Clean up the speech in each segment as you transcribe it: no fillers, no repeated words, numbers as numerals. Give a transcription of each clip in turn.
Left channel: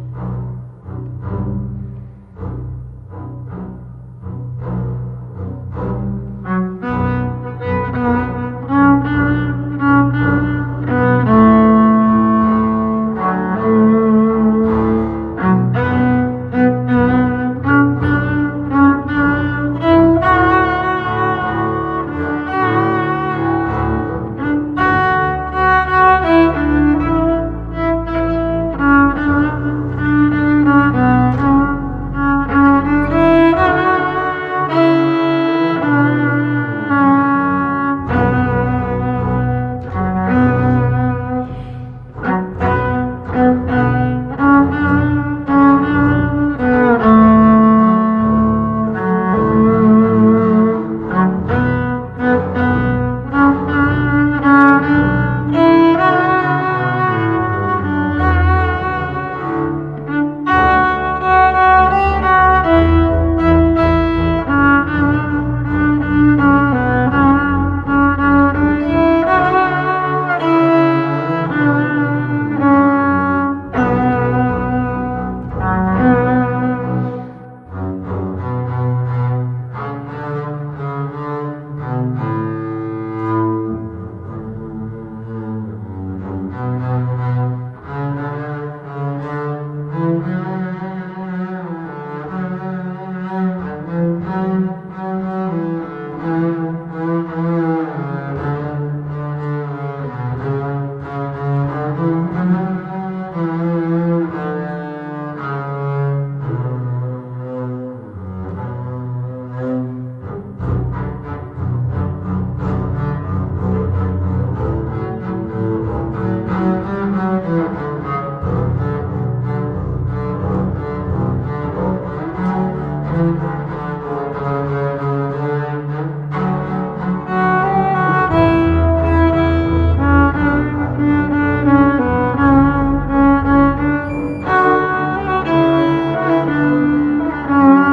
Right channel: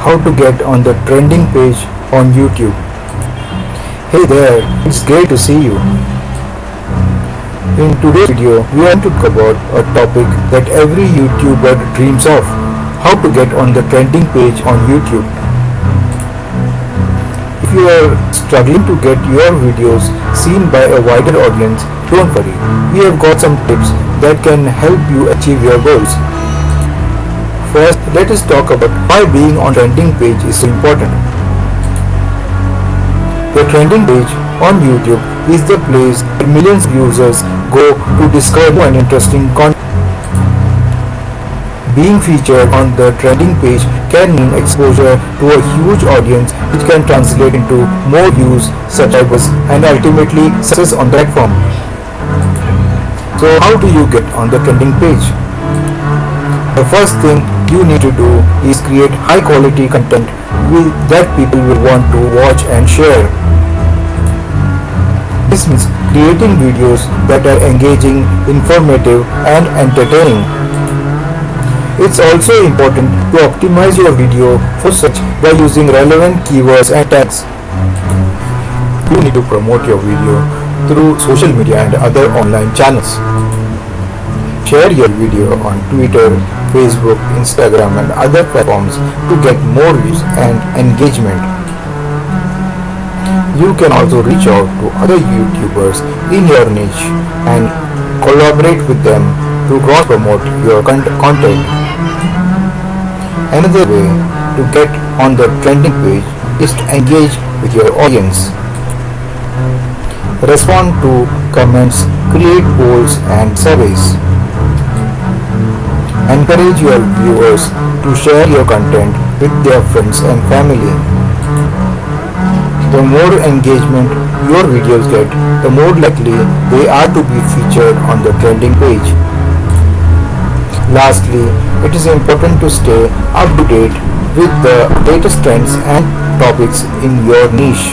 how to get on the trending page on YouTube. Hey there, it's great to see you. In today's video, we want to cover a topic that every YouTuber dreams of: how to get on the trending page on YouTube. If you are struggling to get your videos seen by a wider audience, don't worry. We have got some tips that can help you achieve your goals. First, let us talk about why being on trending page is important. The trending page on YouTube is the place where millions of users go to discover an interesting content. Being featured on the trending page can mean exposure to a huge audience, which can translate into more views, subscribers, and ultimately success on the platform. So how do you get on the trending page? The first thing you need to do is create high quality content that people will want to watch and share. This means creating videos that are engaging, informative, and entertaining. It's also important to optimize your video for search by using relevant keywords and tags. You need to promote your video through social media and other online channels. Share your video on Twitter, Facebook, Instagram, and other platforms to get more views and engagement. You can also reach out to other YouTubers in your niche and collaborate with them to cross-promote your content. Another way to get on the trending page is to engage with your audience. Respond to comments, create polls and surveys. Encourage your viewers to share your content with their friends and family. The more engagement your videos get, the more likely they are to be featured on the trending page. Lastly, it is important to stay up to date with the latest trends and topics in your niche.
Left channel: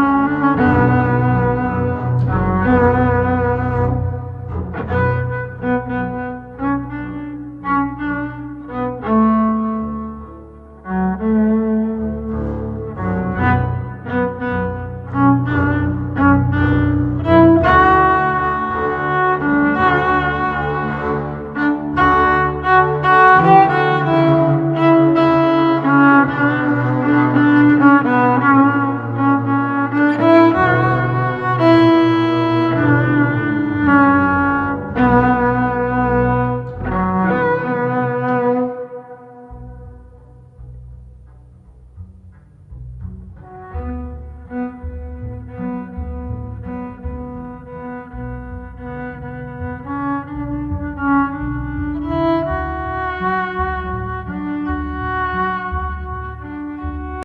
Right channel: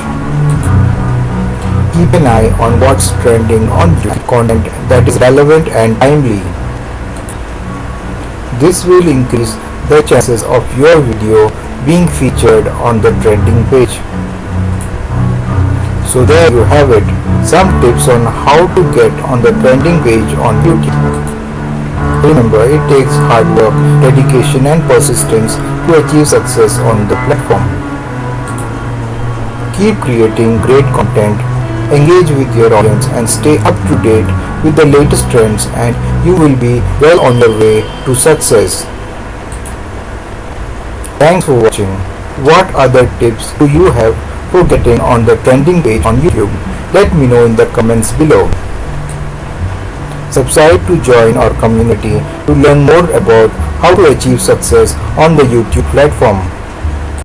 Keep an eye on what's trending on content that is relevant and timely. This will increase the chances of your video being featured on the trending page. So there you have it, some tips on how to get on the trending page on YouTube. Remember, it takes hard work, dedication and persistence to achieve success on the platform. Keep creating great content, engage with your audience and stay up to date with the latest trends, and you will be well on the way to success. Thanks for watching. What other tips do you have for getting on the trending page on YouTube? Let me know in the comments below. Subscribe to join our community to learn more about how to achieve success on the YouTube platform.